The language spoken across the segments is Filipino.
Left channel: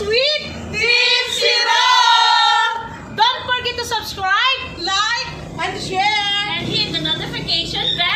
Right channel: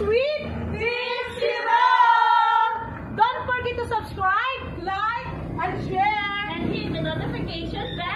with Team Zero! Don't forget to subscribe, like, and share, and hit the notification bell!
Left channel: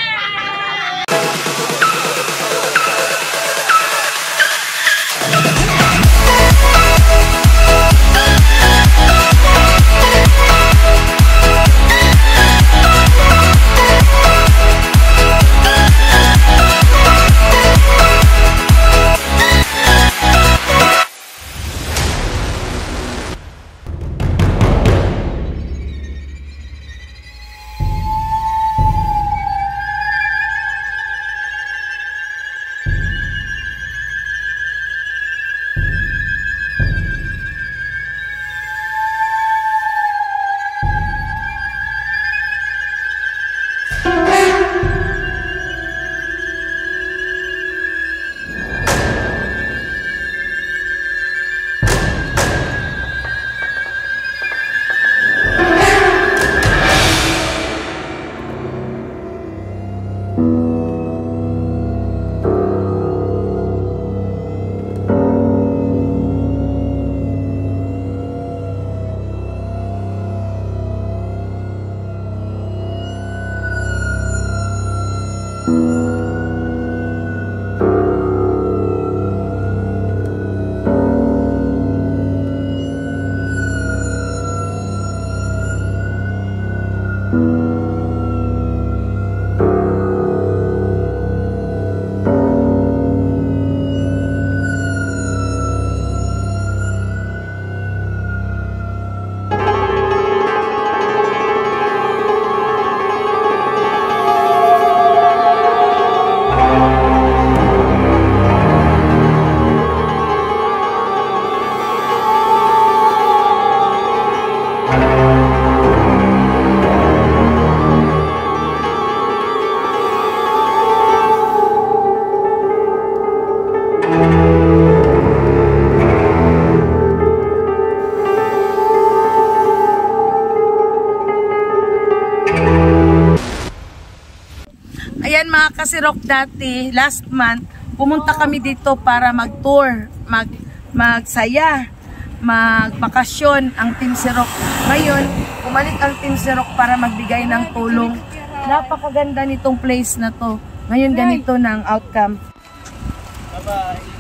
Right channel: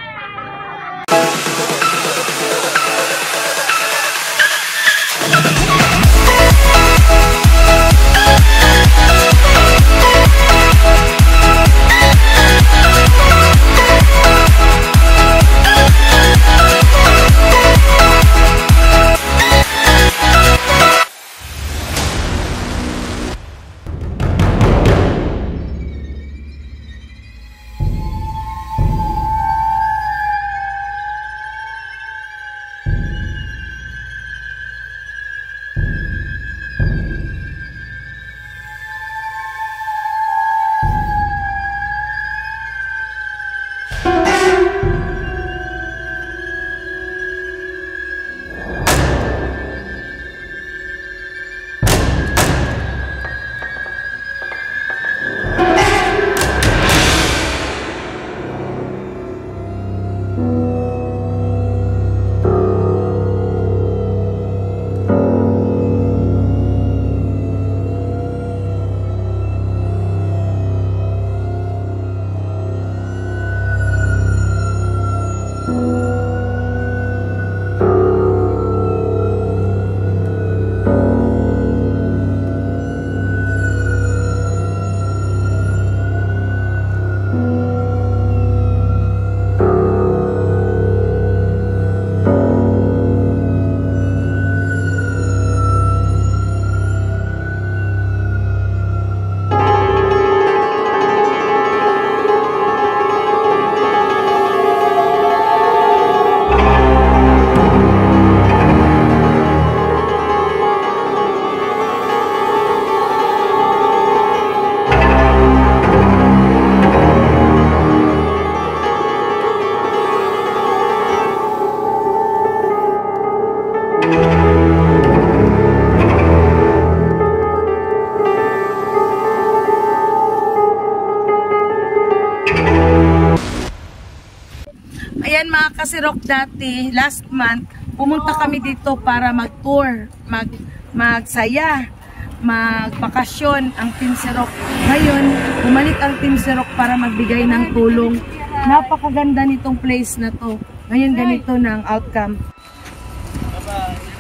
Ayan mga kasirok, dati last month pumunta kami dito para mag-tour, magsaya, magbakasyon ang Team Sirok. Ngayon, bumalik ang Team Sirok para magbigay ng tulong. Napakaganda nitong place na to. Ngayon ganito ng outcome. Bye-bye.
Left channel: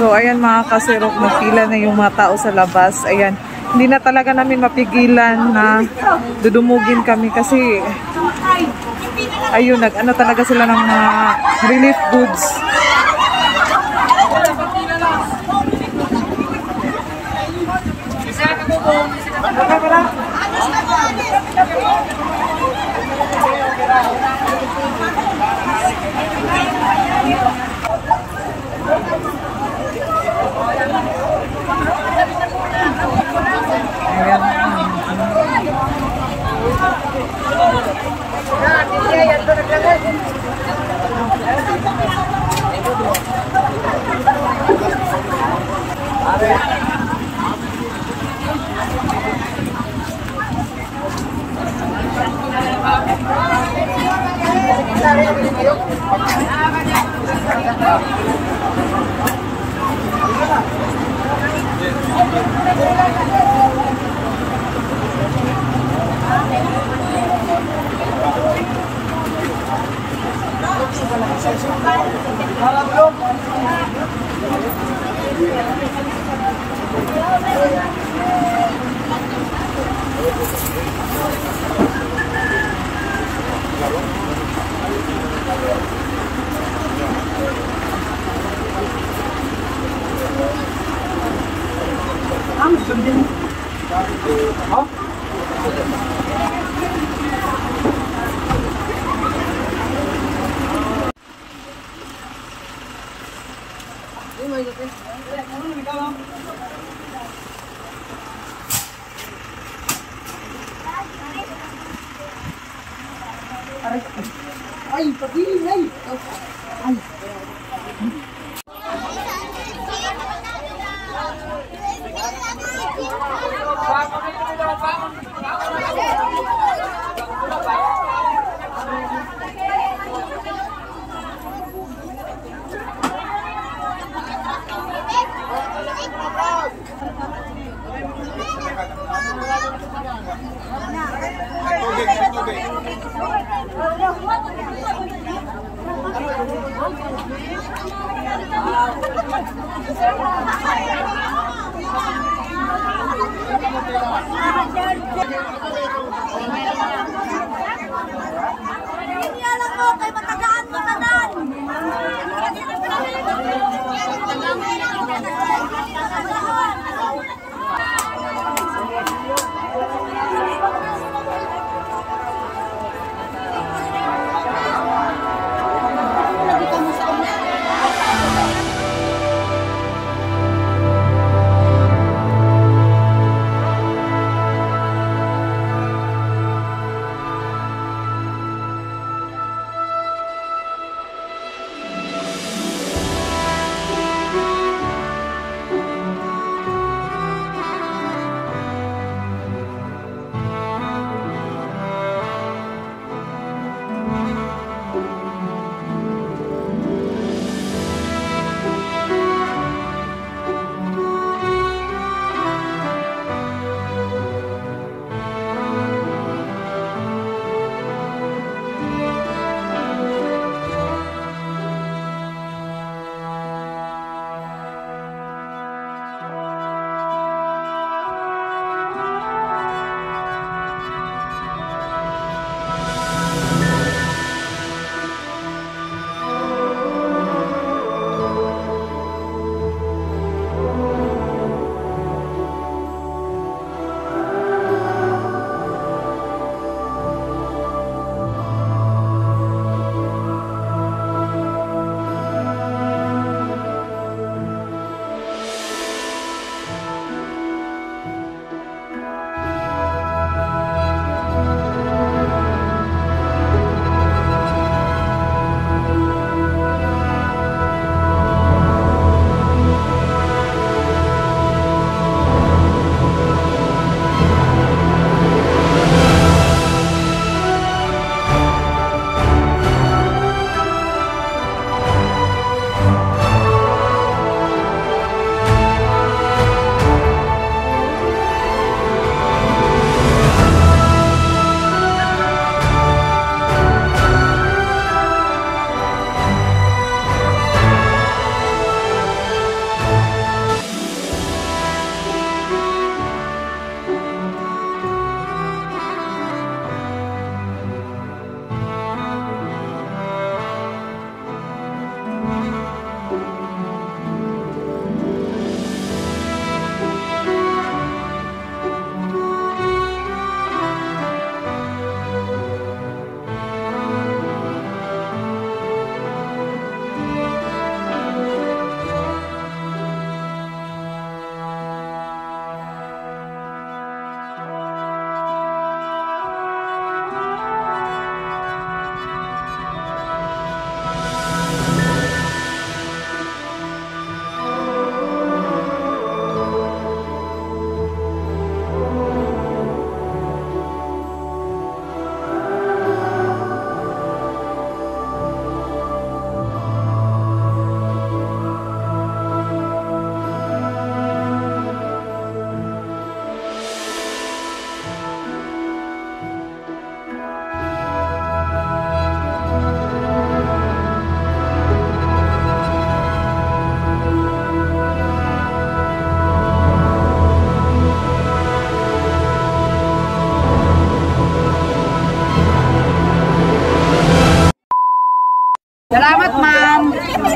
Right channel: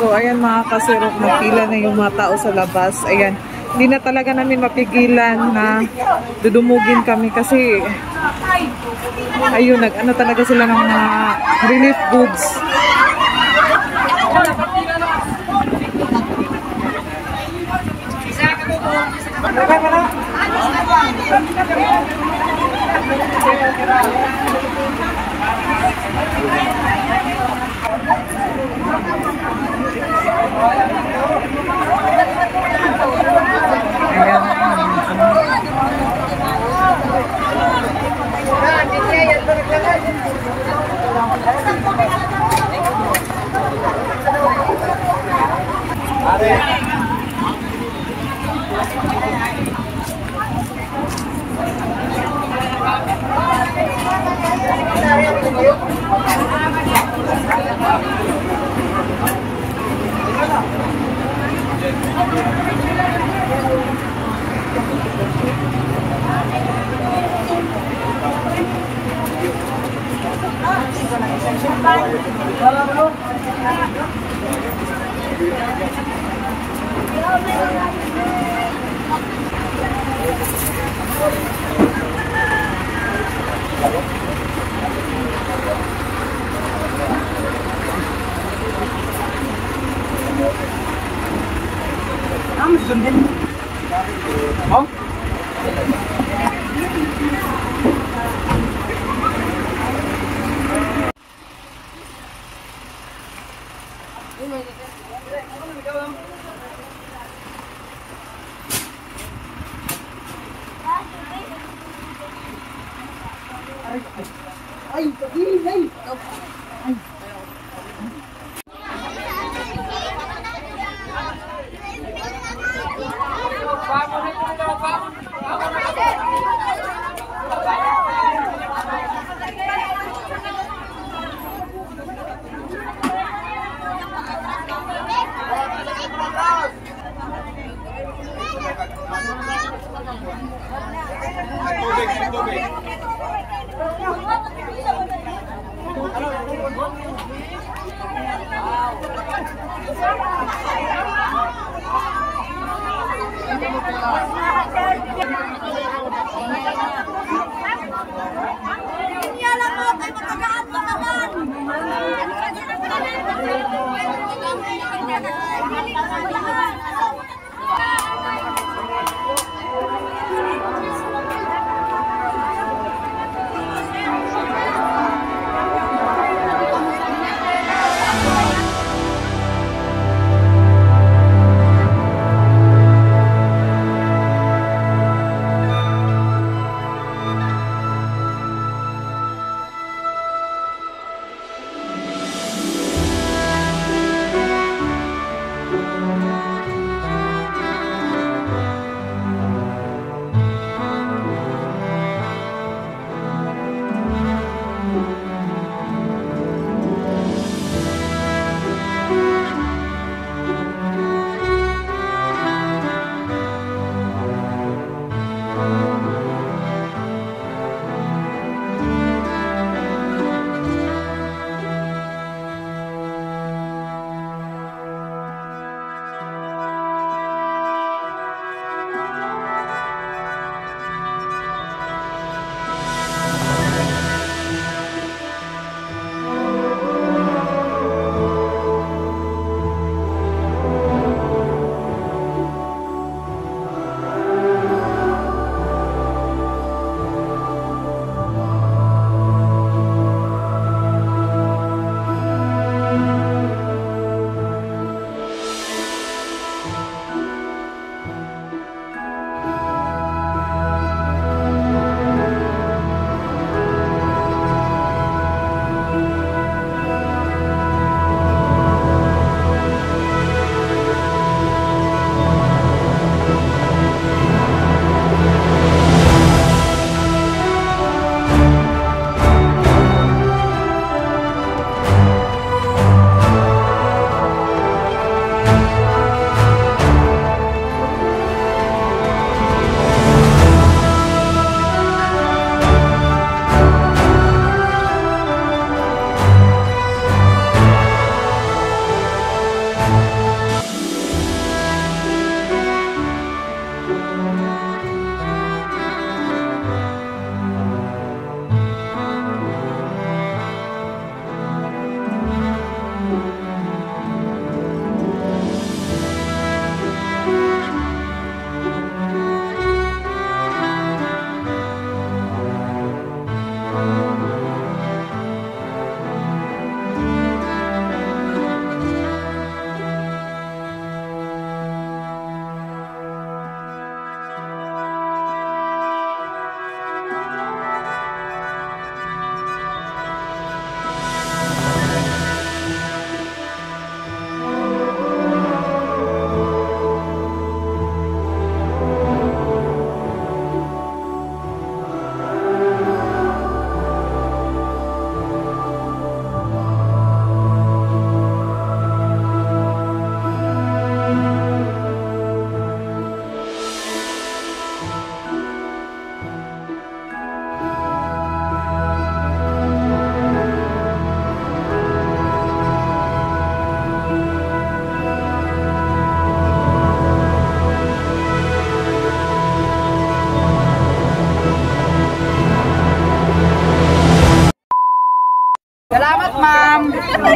So, ayan mga kasirok, nagpila na yung mga tao sa labas. Ayan, hindi na talaga namin mapigilan na dudumugin kami kasi ayun, nag-ano talaga sila ng mga relief goods. Ayan.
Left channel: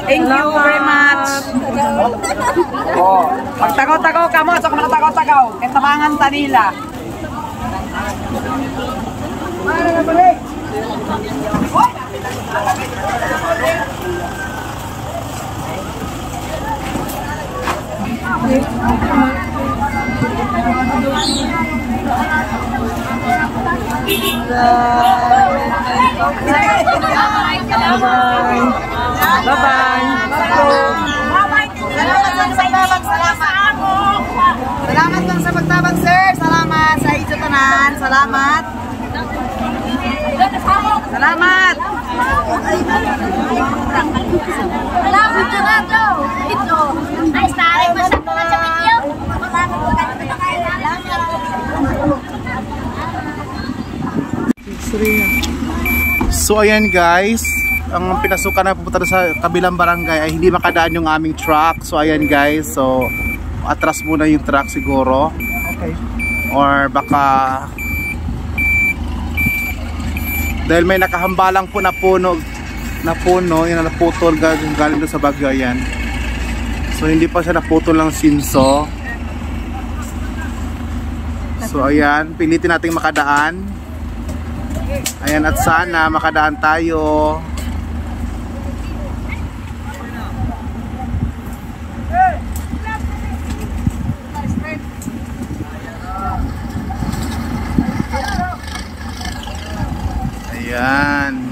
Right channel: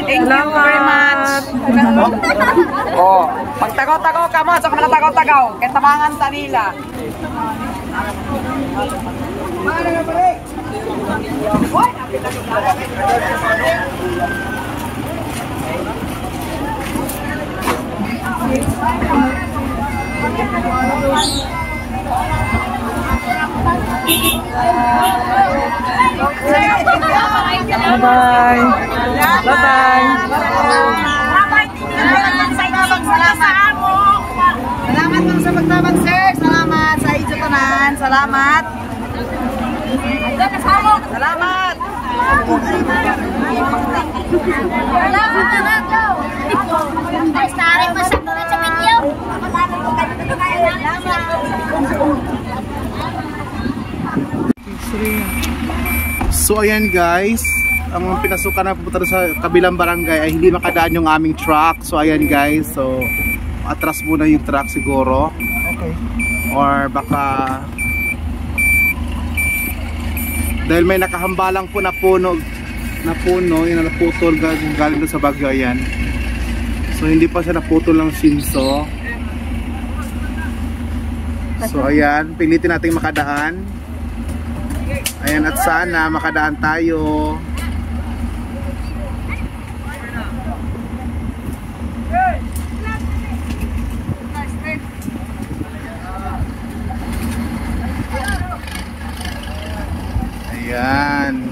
Thank you very much. Oh, magtagaw-tagaw ka mo, sa mga tagaw-tagaw. Kaya tamangan sa nila. Bye-bye. Bye-bye. Salamat lang sa pagtabang, sir. Salamat sa inyo tanan. Salamat. Salamat. Salamat na nga daw. Ito. Ay, starry mo sa mga sa video. Salamat po kayo. So ayan guys, ang pinasukan na pupunta sa kabilang barangay ay hindi makadaan yung aming truck. So ayan guys, so atras muna yung truck siguro. Or baka dahil may nakahambalang po na puno, yung naputol galing doon sa bagyo, ayan. So hindi pa siya naputol ng simso. So ayan, pilitin nating makadaan. Ayan, at sana makadaan tayo. Ayan.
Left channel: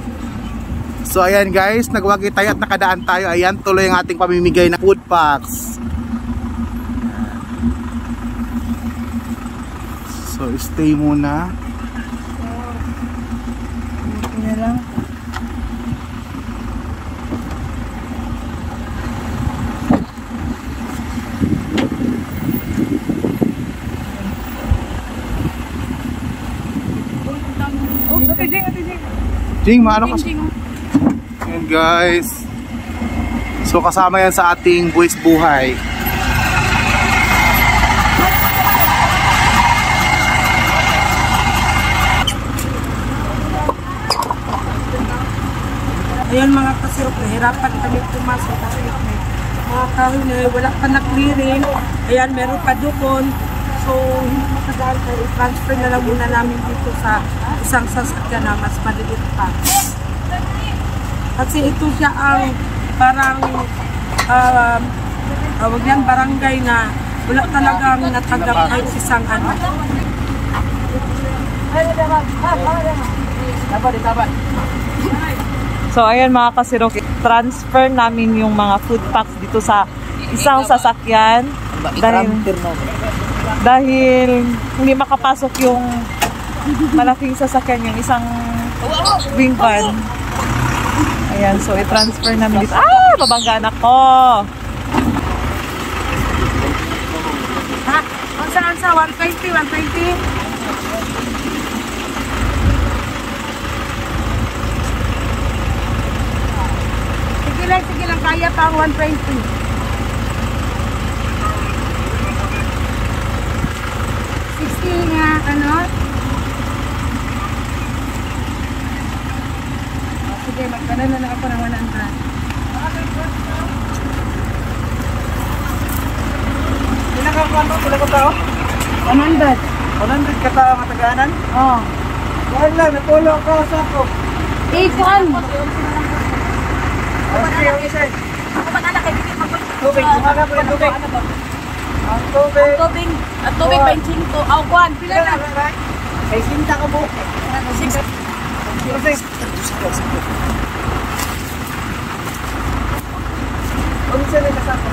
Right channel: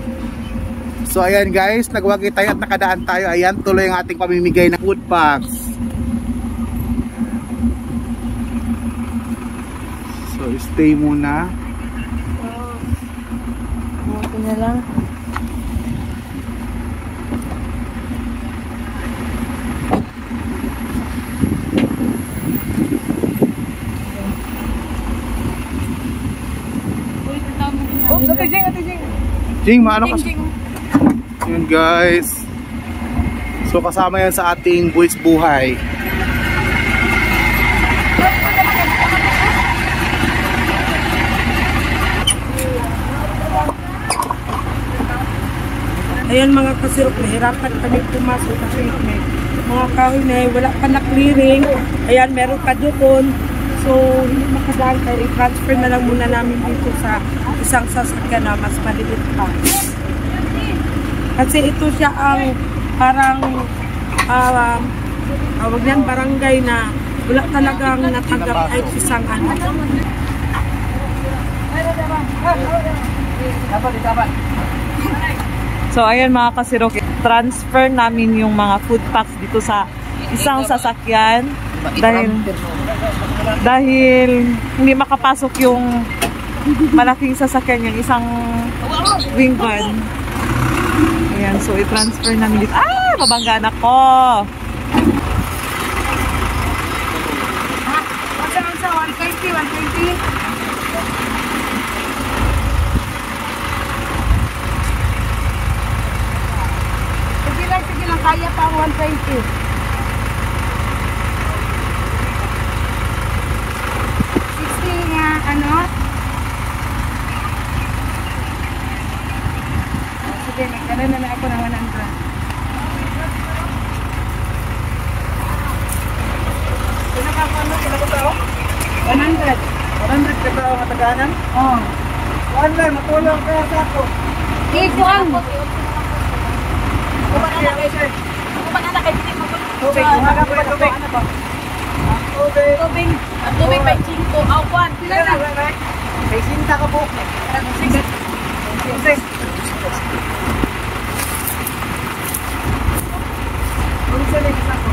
So ayan guys, nagwagi tayo at nakadaan tayo. Ayan, tuloy ang ating pamimigay ng food packs. So stay muna. Jing, maano ka? Yan guys. So kasama yan sa ating buwis buhay. Ayan mga kasirok, nahirapan kami pumasok kasi may mga kahoy na wala pa na-clearing. Ayan, meron pa doon. So, hindi makadaan tayo. I-transfer na lang muna namin dito sa isang sasakyan na mas maliit pa. Kasi ito siya ang parang tawag yan, barangay na wala talagang natanggap kahit isang ano. So ayan mga kasirok, transfer namin yung mga food packs dito sa isang sasakyan dahil hindi makapasok yung malaking sasakyan, yung isang wing van. Ayan, so i-transfer namin dito. Ah, mabanggaan ako! Ha? Saan sa 120? 120? Sige lang, kaya pa ang 120. 60 nga, ano? Sige, magkala na ako ng 100. Pinakakano, pala ko tao? 100. 100 ka tao mataganan? Oo. Wala, natulong ka sa ako. Ipon! Tubig, kumaga po yung tubig. Ang tubig. Ang tubig 25. Ang kwan. Pila na? May sinta ka po. Tubig. Ang sila kasama.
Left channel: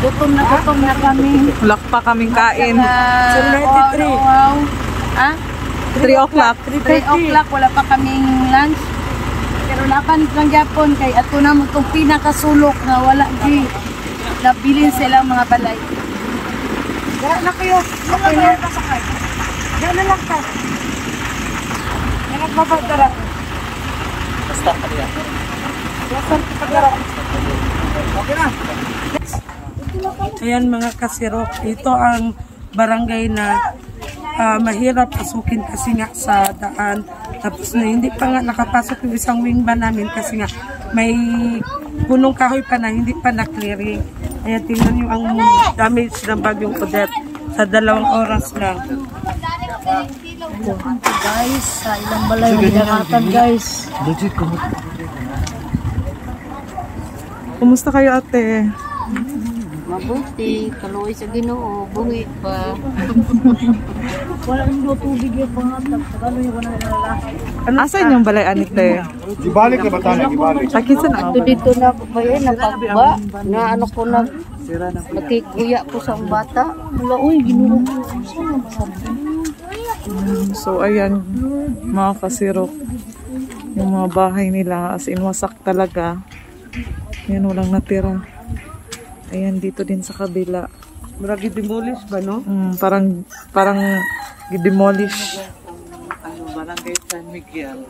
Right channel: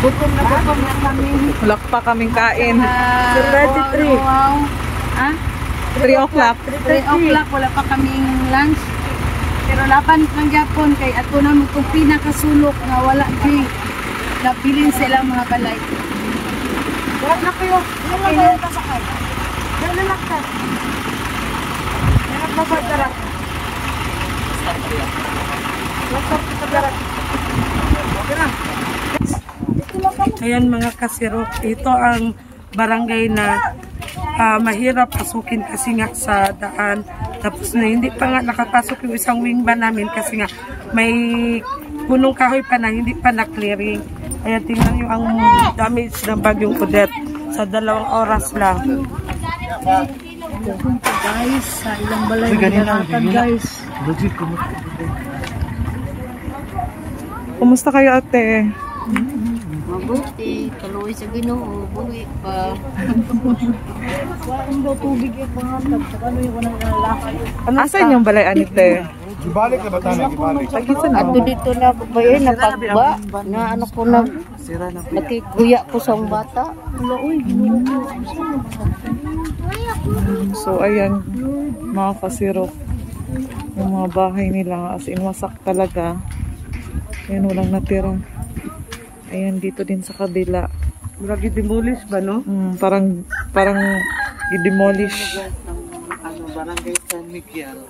Gutom na kami. Wala pa kaming kain. Wow. Ha? 3 o'clock. 3 o'clock, wala pa kaming lunch. Pero laban lang yapon kay ato na mo itong pinakasulok na wala di nabilin silang mga balay. Okay na. Yan na lang ka. Yan ang papagkarat. Basta pa yan. Ayan mga kasirok, ito ang barangay na mahirap pasukin kasi nga sa daan. Tapos na hindi pa nga nakapasok yung isang wing van namin kasi nga may punong kahoy pa na hindi pa na-clearing. Kaya tingnan nyo ang damage ng bagyong Odette sa 2 oras lang. Guys, sa ilang balay nagkakatag guys. Kumusta kayo ate? Mabuti, kaluwi sa Ginoo, buhi pa. Asan yung balay anite? Gibalik na ba tayo? Gibalik. Pakisan na ba? Dito na ba yun, napagba, na ano ko na, nakikuya ko sa bata. Wala, uy, Ginoo. So ayan, mga kasirok, yung mga bahay nila as in wasak talaga. Ayan, walang natira. Ayan, dito din sa kabila. Maragi demolish ba, no? Parang i-demolish. Ano, barangay San Miguel.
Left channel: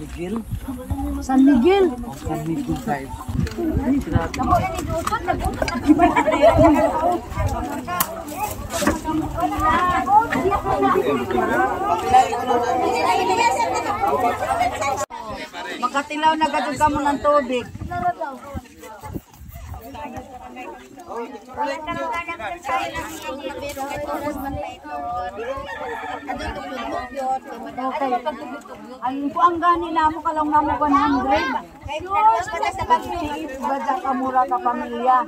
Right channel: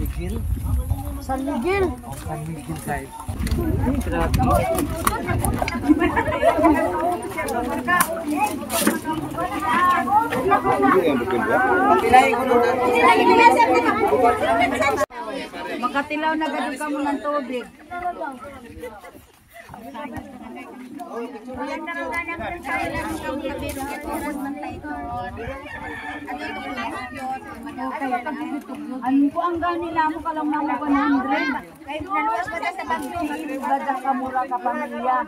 Miguel? San Miguel. O, San Miguel side. Makatilaw na gadong ka mo ng tubig. Ano po ang gani na mo kalong namo 100? Naluwas pa sa pagpili, badya ka mura ka pamilya.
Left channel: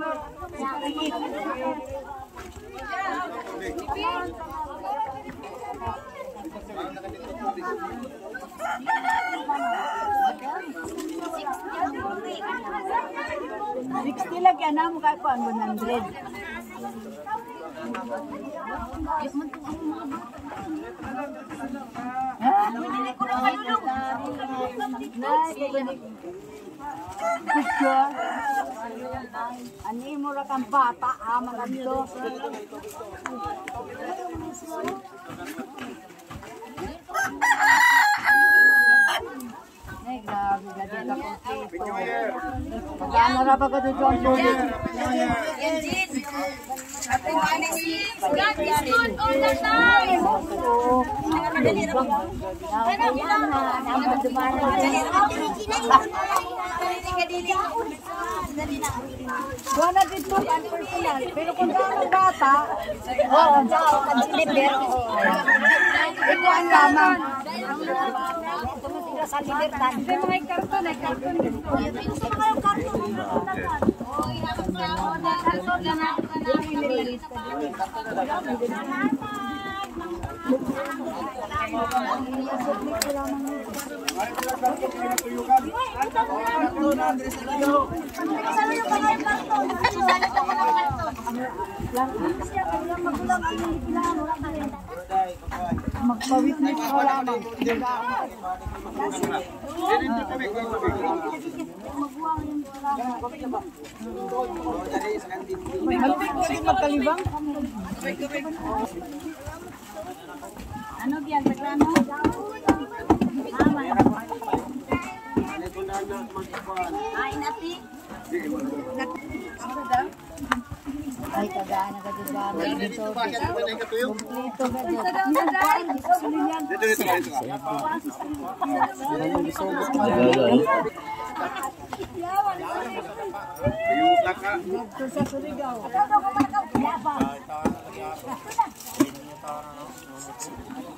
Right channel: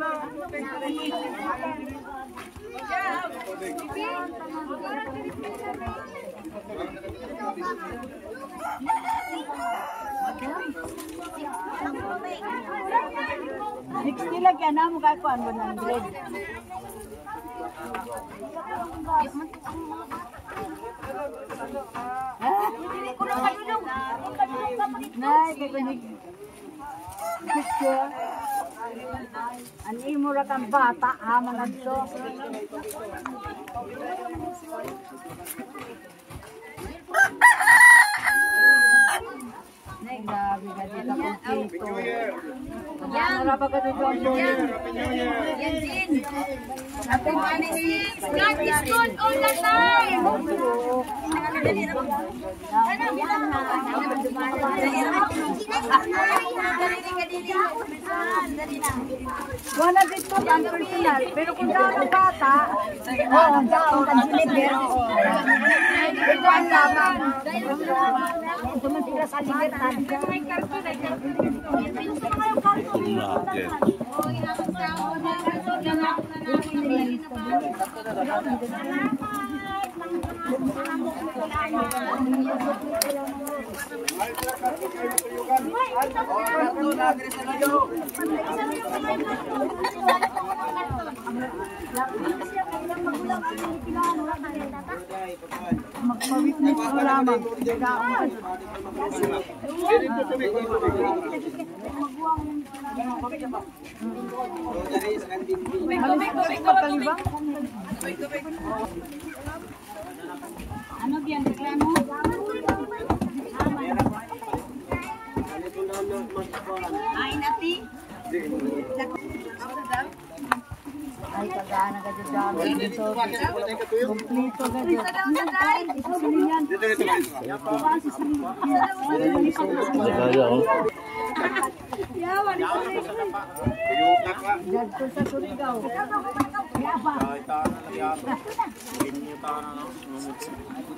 $60 lang yan na mo kahit po ang 100. Ani mura kang bata ha mga dito. Nay grabe ka dito ko. Yan na pa ka dito. God is good all the time. Gana dito ang personal, pero kung daw bata, ang sakong ang deliver. Ito ang mama. Sa libertad. May karton, ay karton. Ano diyan paglano? Ay nati. Ay kagana kadugana dito. Kompleto na dito.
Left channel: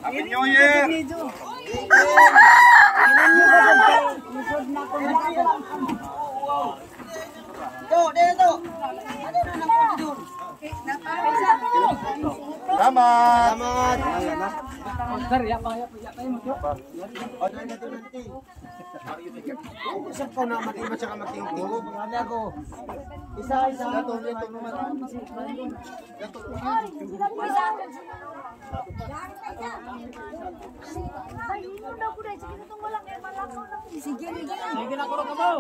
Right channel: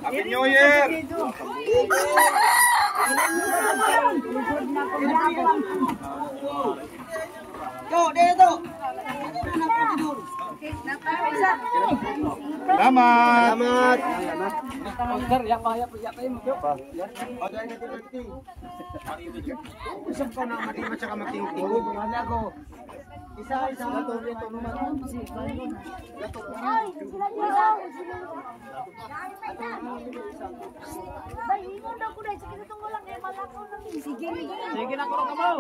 Happy New Year! Selamat! Sige na, kurang ka mo.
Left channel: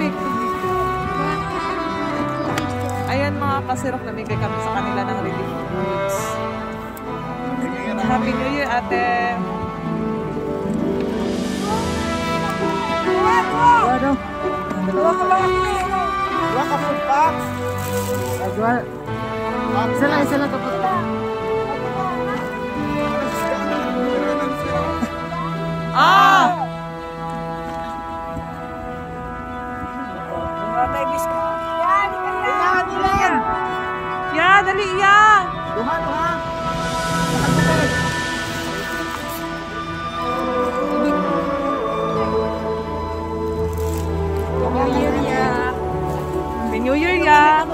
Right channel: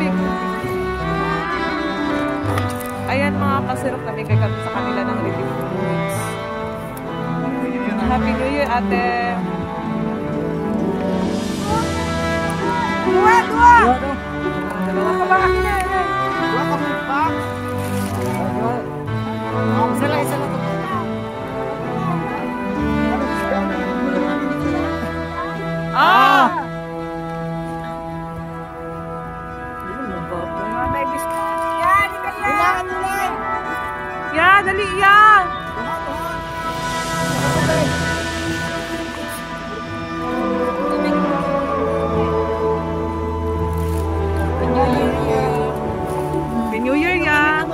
tubig. Ayan mga kasirok, namigay kami sa kanila ng relief goods. Happy New Year, ate! Dalawa pala. Dua ka food pack? Sila. Ah! Ya, dali ya! Happy New Year ya!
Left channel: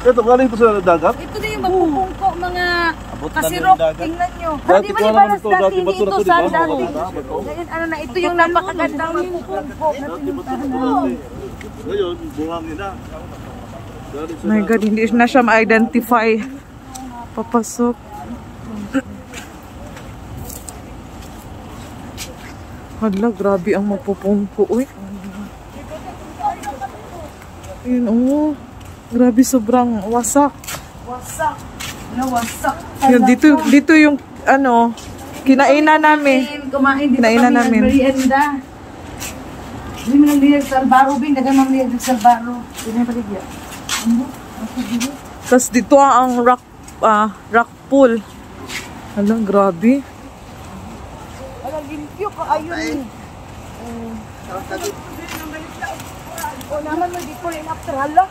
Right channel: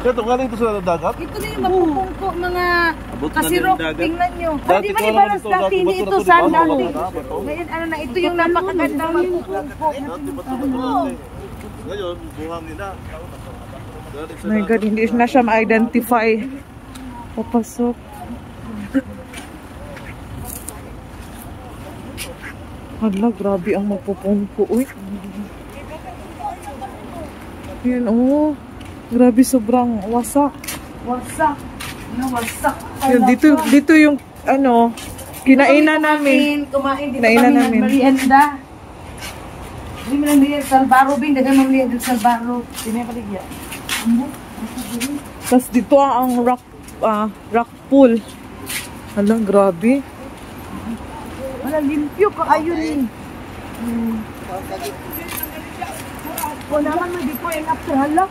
Ito galing ito sa dagat? Ito na yung mapupungko mga kasirok. Tingnan nyo. Di ba ibalas dati, hindi ito sand dati. Ngayon ano na, ito yung napakagandang mapupungko. Ngayon, buhang nila. My God, hindi na siya ma-identify. Papasok. Hala, grabe ang magpupungko. Uy. Ayan, oh. Grabe, sobrang wasak. Wasak. Wasak. Yun, dito yung ano, kinainan namin. Kumain dito Kinainan kami namin. nagmerienda. Hindi mo naliyag sa Albaro, Bing. Dagan mamliyag dito sa Albaro. Hindi mo naliyag. Tapos dito ang rock pool. Hala, grabe. Wala, limpyo ka. Ayun. O naman mo, before and after. Hala.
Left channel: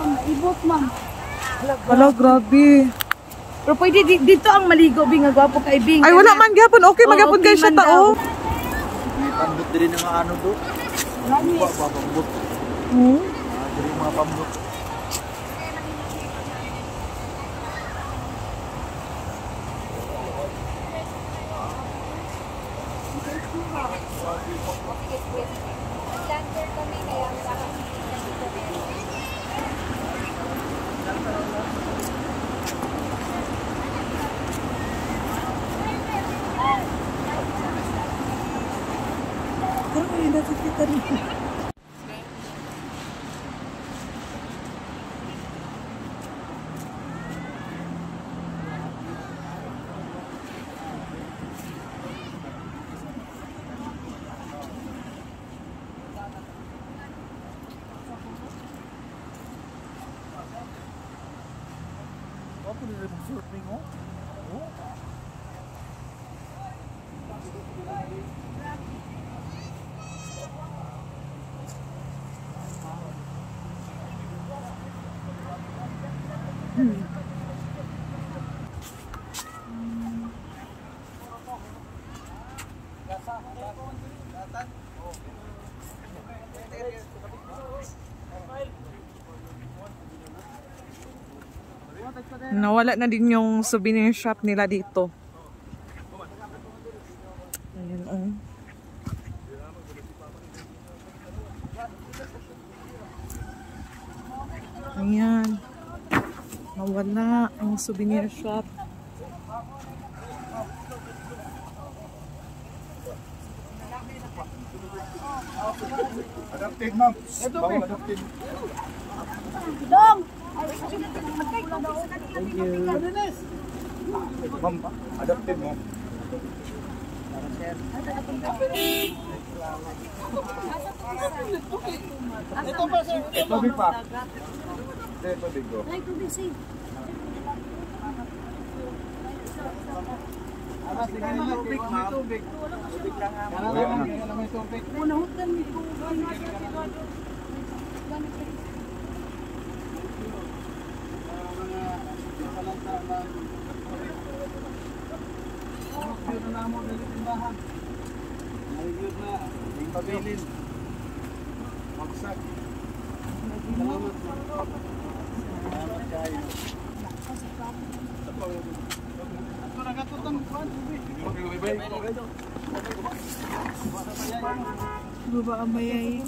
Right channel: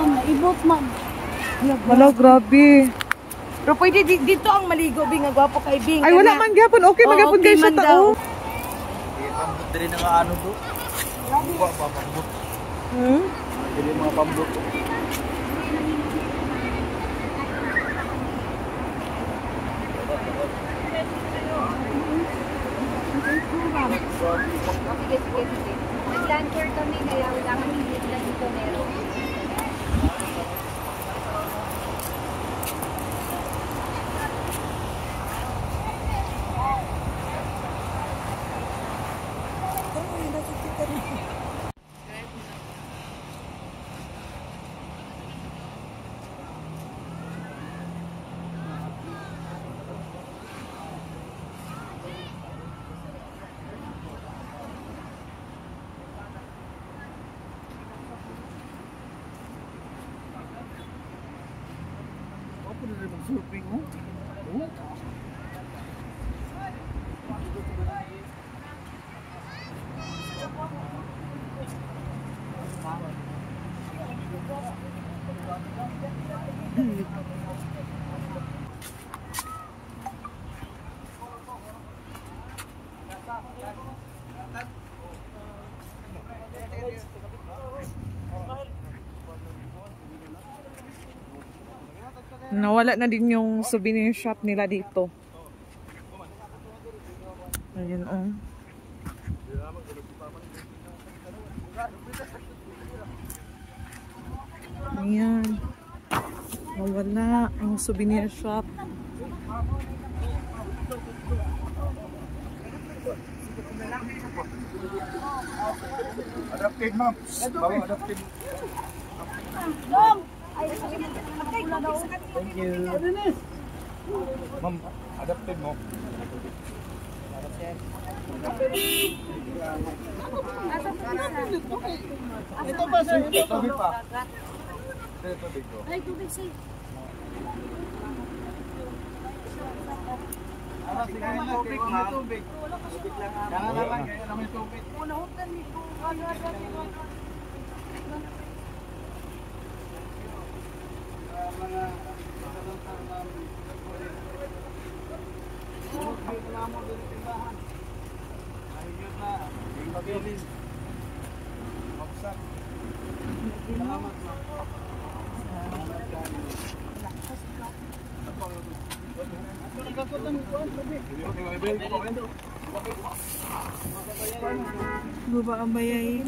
Naibot, ma'am. Hala, grabe. Pero pwede dito ang maligo, Bing. Ang gwapo kay Bing. Ay, wala man gyapon. Okay, magyapon kayo sa tao. Pambot din ng ano do. Nag-luncher kami kaya wala kami dito meron. Nawala na din yung souvenir shop nila dito. Ayan, oh. Ayan. Nawala ang souvenir shop. Adapted, ma'am. Adapted. Ma'am, adapted mo. Ito pa, sir. Tubig pa. Tubig ko. Ay, tubig sa'yo. Sige na, tubig, ma'am. Tubig lang, ma'am. Kaya lang may tubig. Unahutan nito. Mga talanta ng puro view na mo dito tindahan. May-view na yung pabilin. Wagsak. Salamat, ma'am. Salamat kayo. Ako nagkakutang kuwan, tubig. Baba ang bayay.